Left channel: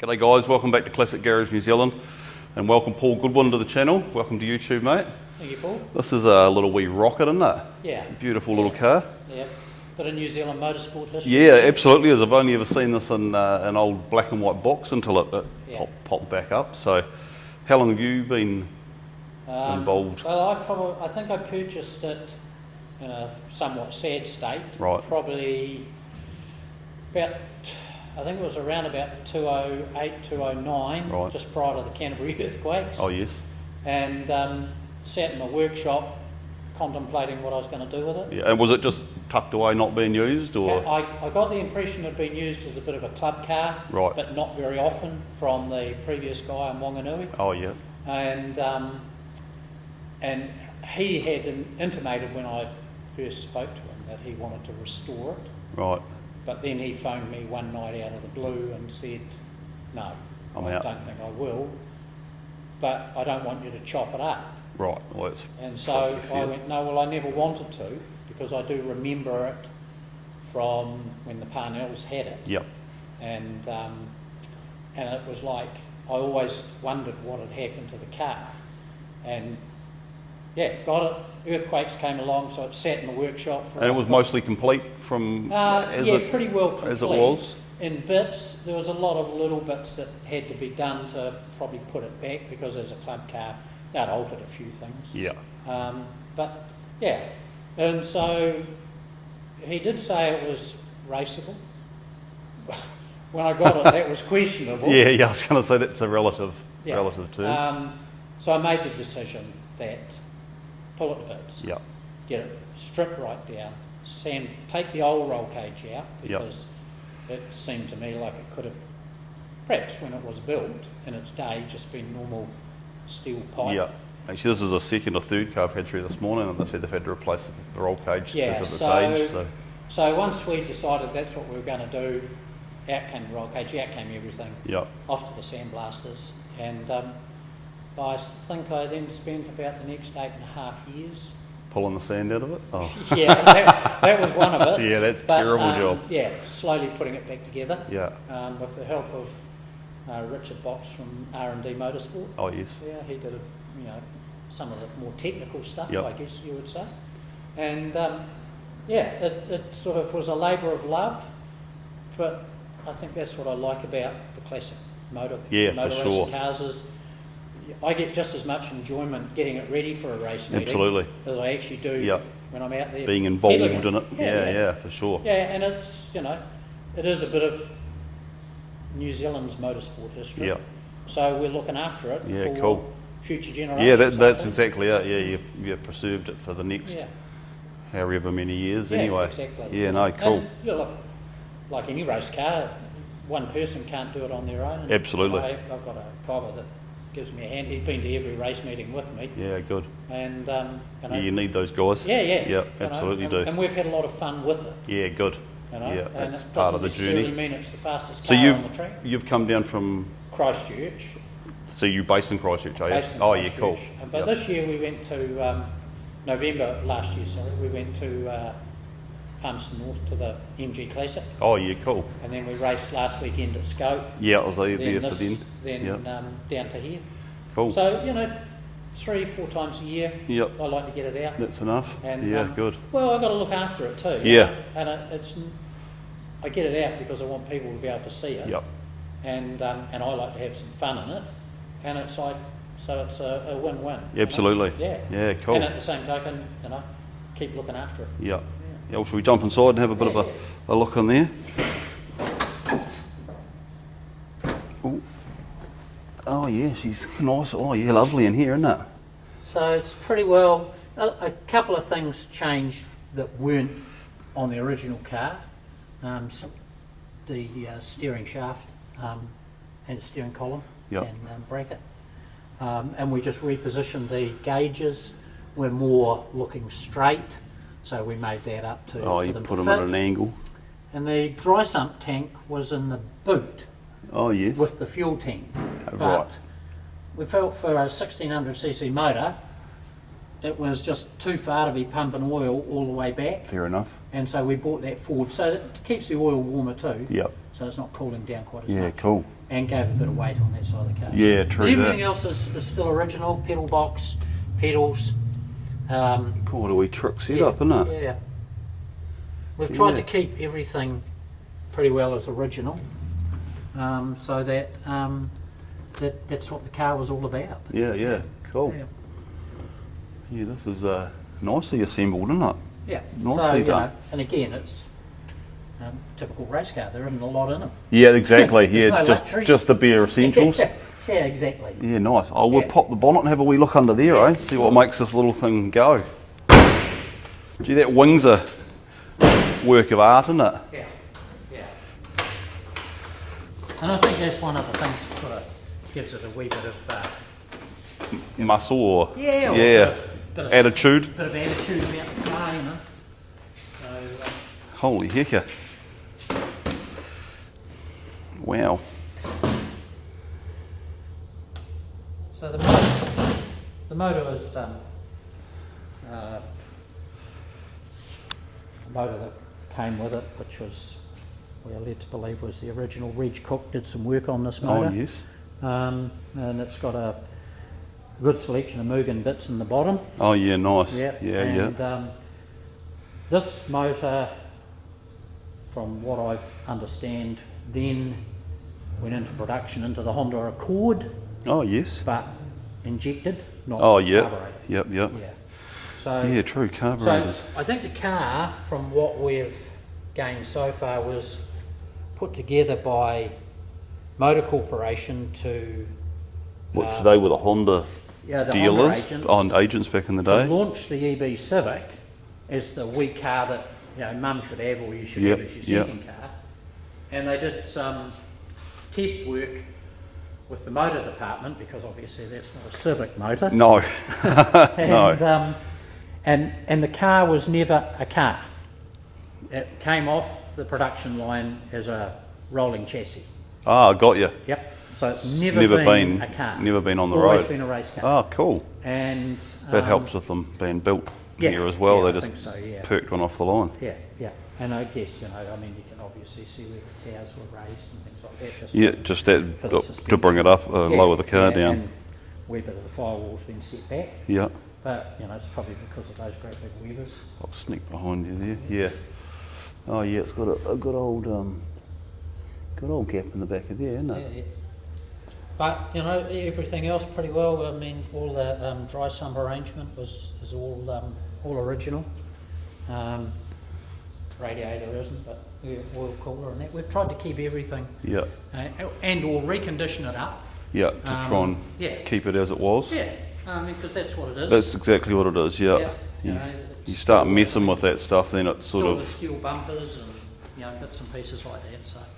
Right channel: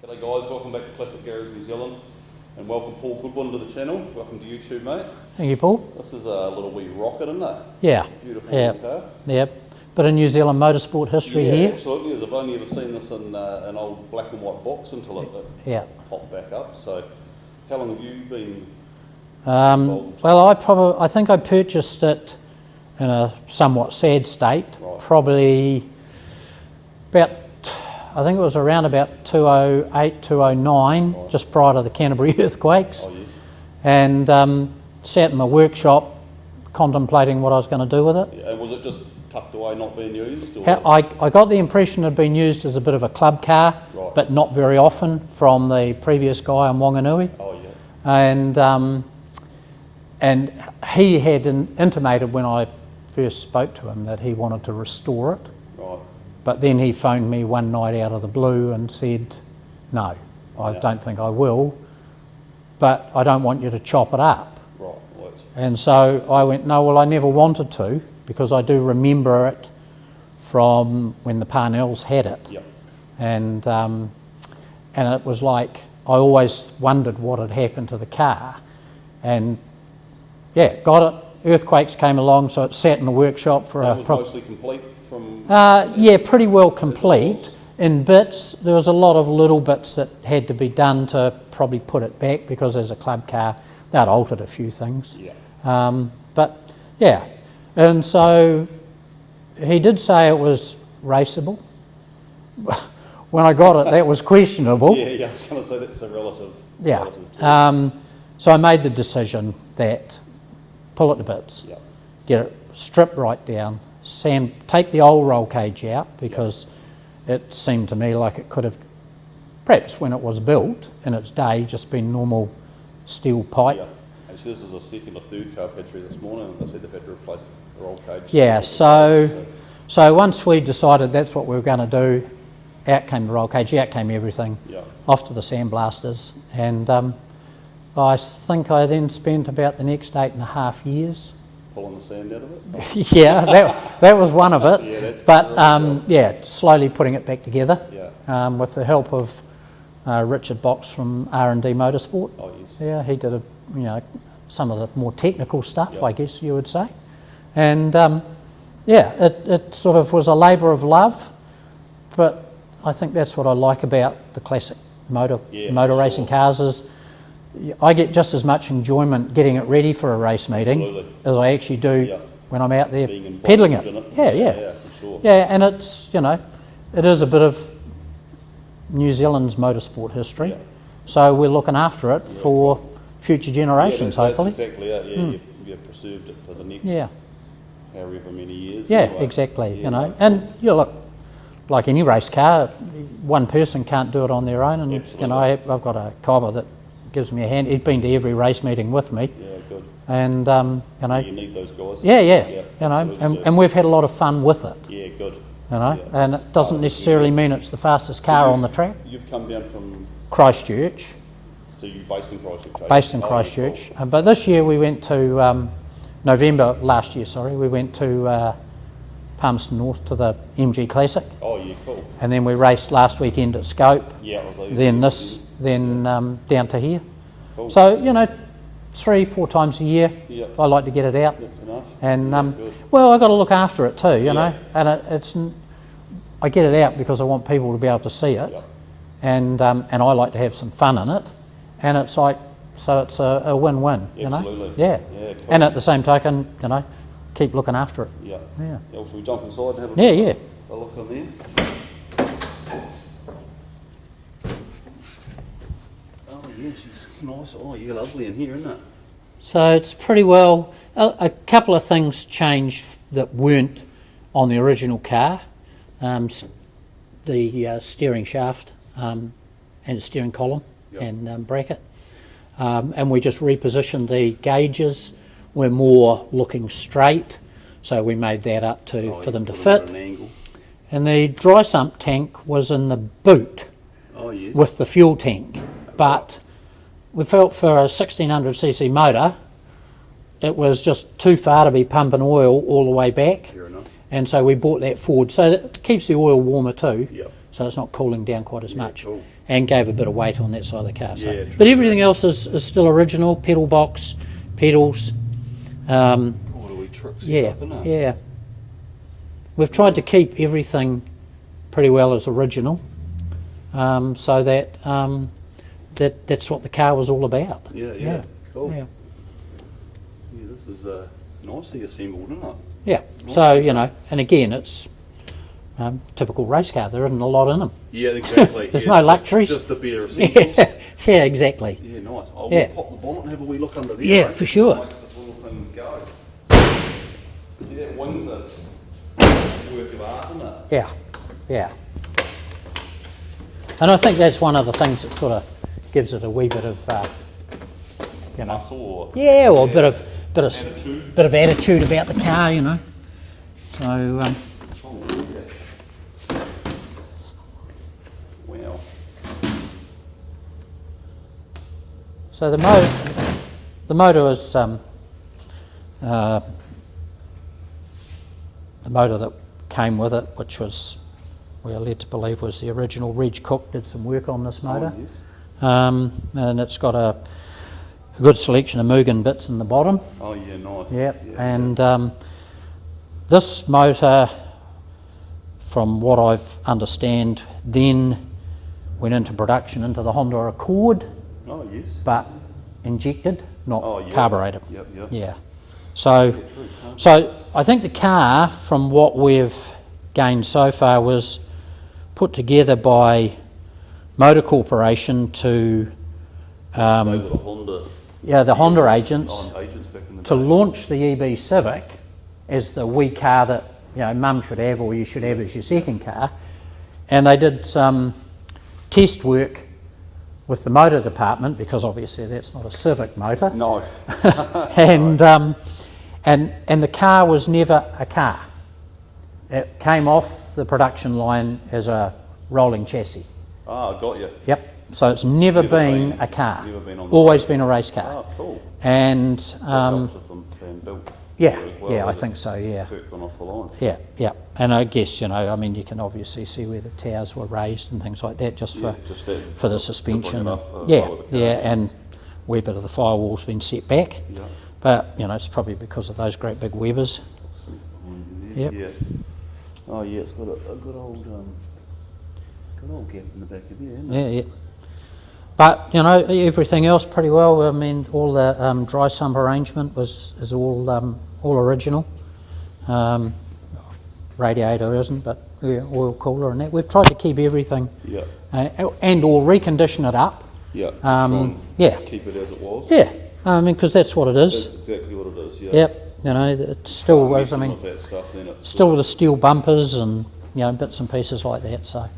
G'day guys, welcome back to Classic Garage New Zealand, and welcome Paul Goodwin to the channel. Welcome to YouTube, mate. Thank you, Paul. This is a little wee rocket, isn't it? Yeah. Beautiful little car. Yep. Bit of New Zealand motorsport history Yeah, here. absolutely. As I've only ever seen this in an old black and white box until it popped back up. So, how long have you been involved? Well, I think I purchased it in a somewhat sad state. Right. Probably about, I think it was around about 2008, 2009, Right. just prior to the Canterbury earthquakes. Oh yes. And sat in my workshop contemplating what I was going to do with it. Yeah. And was it just tucked away, not being used? Or? I got the impression it had been used as a bit of a club car, Right. but not very often, from the previous guy on Wanganui. Oh yeah. And he had intimated when I first spoke to him that he wanted to restore it. Right. But then he phoned me one night out of the blue and said, no, I don't think I will, but I don't want you to chop it up. Right. Well, that's And so I went, no, well, I never wanted to, because I do remember it from when the Parnells had it. Yep. And it was like, I always wondered what had happened to the car. And yeah, got it. Earthquakes came along, so it sat in the workshop for it was mostly complete from... pretty well complete in bits. There was a lot of little bits that had to be done to probably put it back, because as a club car, that altered a few things. Yeah. But yeah, and so he did say it was raceable. When I got it, that was questionable. Yeah, I was going to say that's a relative term. So I made the decision that pull it to bits, Yep. get it stripped right down, take the old roll cage out, because it seemed to me like it could have, perhaps when it was built in its day, just been normal steel pipe. Yeah. Actually, this is a second or third car I've had through this morning, and they said they've had to replace the roll cage. Yeah, because of its age, so once we decided that's what we were going to do, out came the roll cage, out came everything, off to the sandblasters, and I think I then spent about the next 8.5 years pulling the sand out of it? Oh. Yeah, that was one of it. Yeah, that's but terrible job. yeah, slowly putting it back together. Yeah. With the help of Richard Box from R&D Motorsport. Oh yes. Yeah, he did some of the more technical stuff, Yep. I guess you would say. And it sort of was a labour of love, but I think that's what I like about the classic motor racing cars is I get just as much enjoyment getting it ready for a race meeting as I actually do when I'm out there being involved peddling in it. Yeah, for sure. Yeah, and it's, it is a bit of New Zealand's motorsport history. Yep. So we're looking after it for future generations. Yeah, that's exactly it. Yeah, you've preserved it for the next however many years. Yeah, anyway. exactly. Yeah, cool. And look, like any race car, one person can't do it on their own. And, absolutely. I've got a cobber that gives me a hand. He's been to every race meeting with me. Yeah, good. And you need those guys. Yeah. Absolutely And we've had a lot of fun with it. Yeah, good. And it doesn't necessarily mean it's the fastest car on the track. You've come down from Christchurch. So you're based in Christchurch, are you? Based in Christchurch. Yeah, cool. But this year we went to November last year. Sorry, we went to Palmerston North to the MG Classic. Oh yeah, cool. And then we raced last weekend at Scope. Yeah, I was there. Then down to here. Cool. So 3-4 times a year. Yep. I like to get it out. That's enough. And good. Well, I got to look after it too. You know, and I get it out because I want people to be able to see it. Yep. And I like to have some fun in it. And it's like, so it's a win-win. Absolutely. Yeah. Yeah, cool. And at the same token, keep looking after it. Yeah. Well, should we jump inside and have a bit of a look in there? Ooh. Oh yeah, she's nice. Oh yeah, lovely in here, isn't it? So it's pretty well. A couple of things changed that weren't on the original car. The steering shaft and the steering column and bracket. And we just repositioned the gauges. We're more looking straight, so we made that up for them to fit. At an angle. And the dry sump tank was in the boot. Oh yes. With the fuel tank, but we felt for a 1600cc motor, it was just too far to be pumping oil all the way back. Fair enough. And so we brought that forward, so it keeps the oil warmer too. Yep. so it's not cooling down quite as much. Cool. And gave a bit of weight on that side of the car. Yeah, so. true. But everything else is still original. Pedal box, pedals. What a wee trick set up, isn't it? Yeah. We've tried to keep everything pretty well as original, so that that's what the car was all about. Yeah. Cool. Yeah. Yeah, this is nicely assembled, isn't it? Yeah. Nicely So you done. know, and again, it's typical race car. There isn't a lot in them. Yeah, exactly. There's yeah, no just, luxuries. just the bare essentials. Yeah, exactly. Yeah, nice. I will pop the bonnet and have a wee look under there, Yeah, eh? for See sure. what makes this little thing go. Gee, that wing's a work of art, isn't it? Yeah. And I think that's one of the things that sort of gives it a wee bit of Muscle or a bit of attitude. bit of attitude about the car, you know. So Holy hecker. Wow. so the motor is the motor that came with it, which was, we are led to believe, was the original. Reg Cook did some work on this motor. Oh, yes. And it's got a good selection of Mugen bits in the bottom. Oh, yeah, nice. Yep. Yeah, And this motor, from what I've understand, then went into production into the Honda Accord, Oh, yes. but injected, not Oh, yeah. carbureted. Yep. Yeah. So, Yeah, true. so Carburetors. I think the car, from what we've gained so far, was put together by Motor Corporation to They were the Honda. the Honda dealers, agents agents back in the to day. launch the EB Civic as the wee car that Mum should have, or you should have as your second car. And they did some test work with the motor department, because obviously that's not a Civic motor. No. And the car was never a car. It came off the production line as a rolling chassis. Ah, got you. Yep. So it's never been a car. Never been on the Always road. been a race car. Ah, cool. And That helps with them being built yeah, here as well. yeah, They I just think so. Yeah. perked one off the line. Yeah. And I guess, I mean, you can obviously see where the towers were raised and things like that, just Yeah, just that for the to suspension. bring it up, lower the car down. And a wee bit of the firewall's been set back. Yeah. But, it's probably because of those great big Webers. I'll sneak behind you there. Yep. Yeah. Oh yeah, it's got a good old gap in the back of there, isn't it? Yeah. But, everything else pretty well. I mean, all the dry sump arrangement is all original. Radiator isn't, but oil cooler and that. We've tried to keep everything Yeah. and or recondition it up. Yeah. To try and keep it as it was. Yeah, I mean, because that's what it is. That's exactly what it is. Yeah. Yep, it's You still start messing with that stuff, then it's still the steel bumpers and bits and pieces like that. So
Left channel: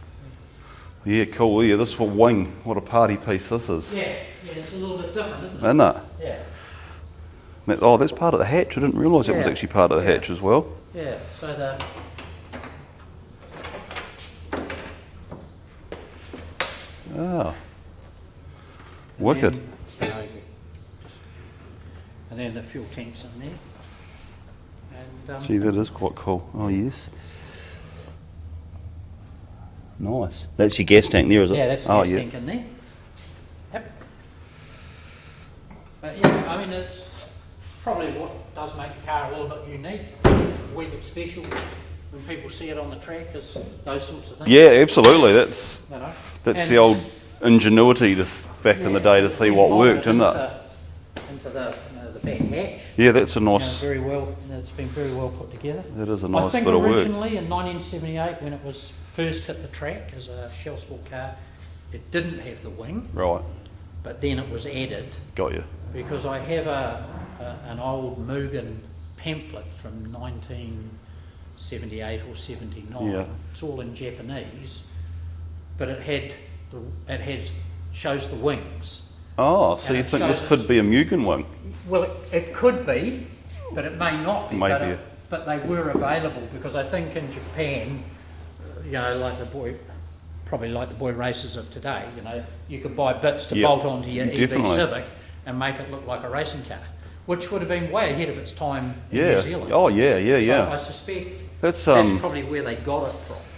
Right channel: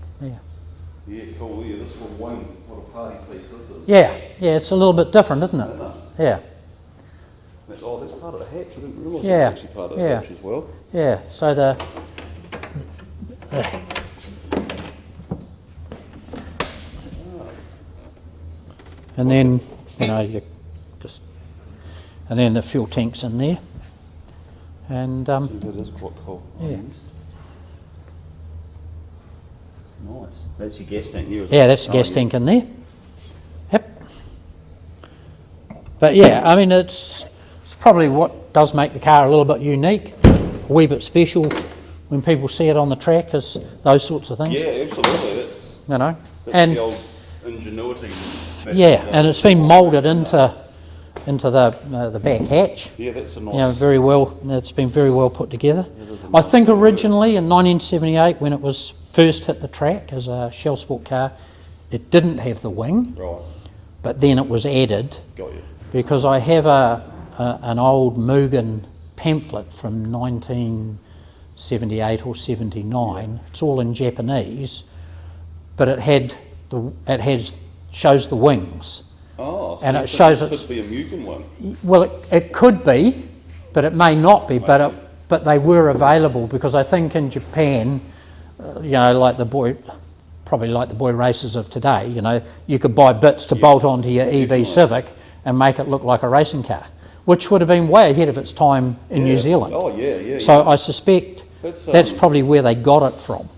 Yeah, cool. Yeah, this one wing. What a party piece this is. yeah, it's a little bit different, isn't it? Isn't it? Yeah, That's part of the hatch. I didn't realise it was actually part of the hatch as well. yeah. So the Oh. and Wicked. then you just and then the fuel tank's in there, and Gee, that is quite cool. Oh yeah. yes. Nice. That's your gas tank there, is it? yeah, that's the gas tank in there. Yep. But yeah, I mean, it's probably what does make the car a little bit unique, a wee bit special when people see it on the track, is those sorts of things. Yeah, absolutely. That's That's that's the old ingenuity back in the day. and to it's see been what moulded worked, isn't it? into the back hatch. Yeah, that's a nice. Very well. It's been very well put together. That is a I nice think bit of work. originally in 1978, when it was first hit the track as a Shell Sport car, it didn't have the wing, Right. but then it was added Got you. because I have an old Mugen pamphlet from 1978 or 79. Yeah. It's all in Japanese, but it shows the wings. Oh, so And you it think shows this it's- could be a Mugen one. Well, it could be, but it may not be. May be. But they were available because I think in Japan, like the boy races of today, you could buy bits to bolt onto your Definitely. EV Civic and make it look like a racing car, which would have been way ahead of its time in New Zealand. Oh yeah. So I suspect That's that's probably where they got it from.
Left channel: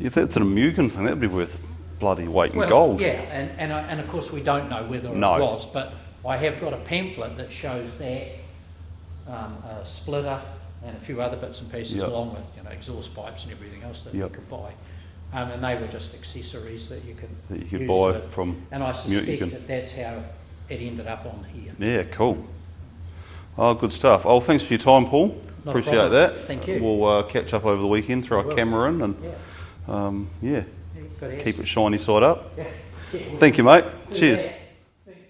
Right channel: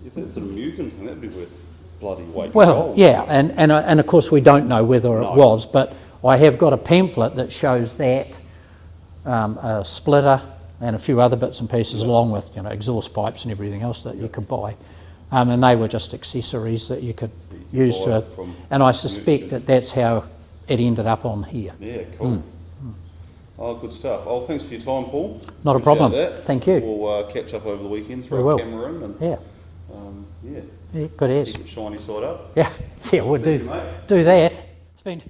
If that's an Amugan thing, that'd be worth bloody weight in Well, gold. yeah, and of course we don't know whether it was, but I have got a pamphlet that shows that, a splitter and a few other bits and pieces along with, you know, exhaust pipes and everything else that you could buy. And they were just accessories that you could use to, and I suspect that that's how it ended up on here. Yeah, cool. Oh, good stuff. Oh, thanks for your time, Paul. Not Appreciate a problem. That. Thank you. We'll catch up over the weekend, throw a camera in, and yeah, good as. keep it shiny side up. Yeah, yeah. Thank you, mate. Do Cheers. that. It's been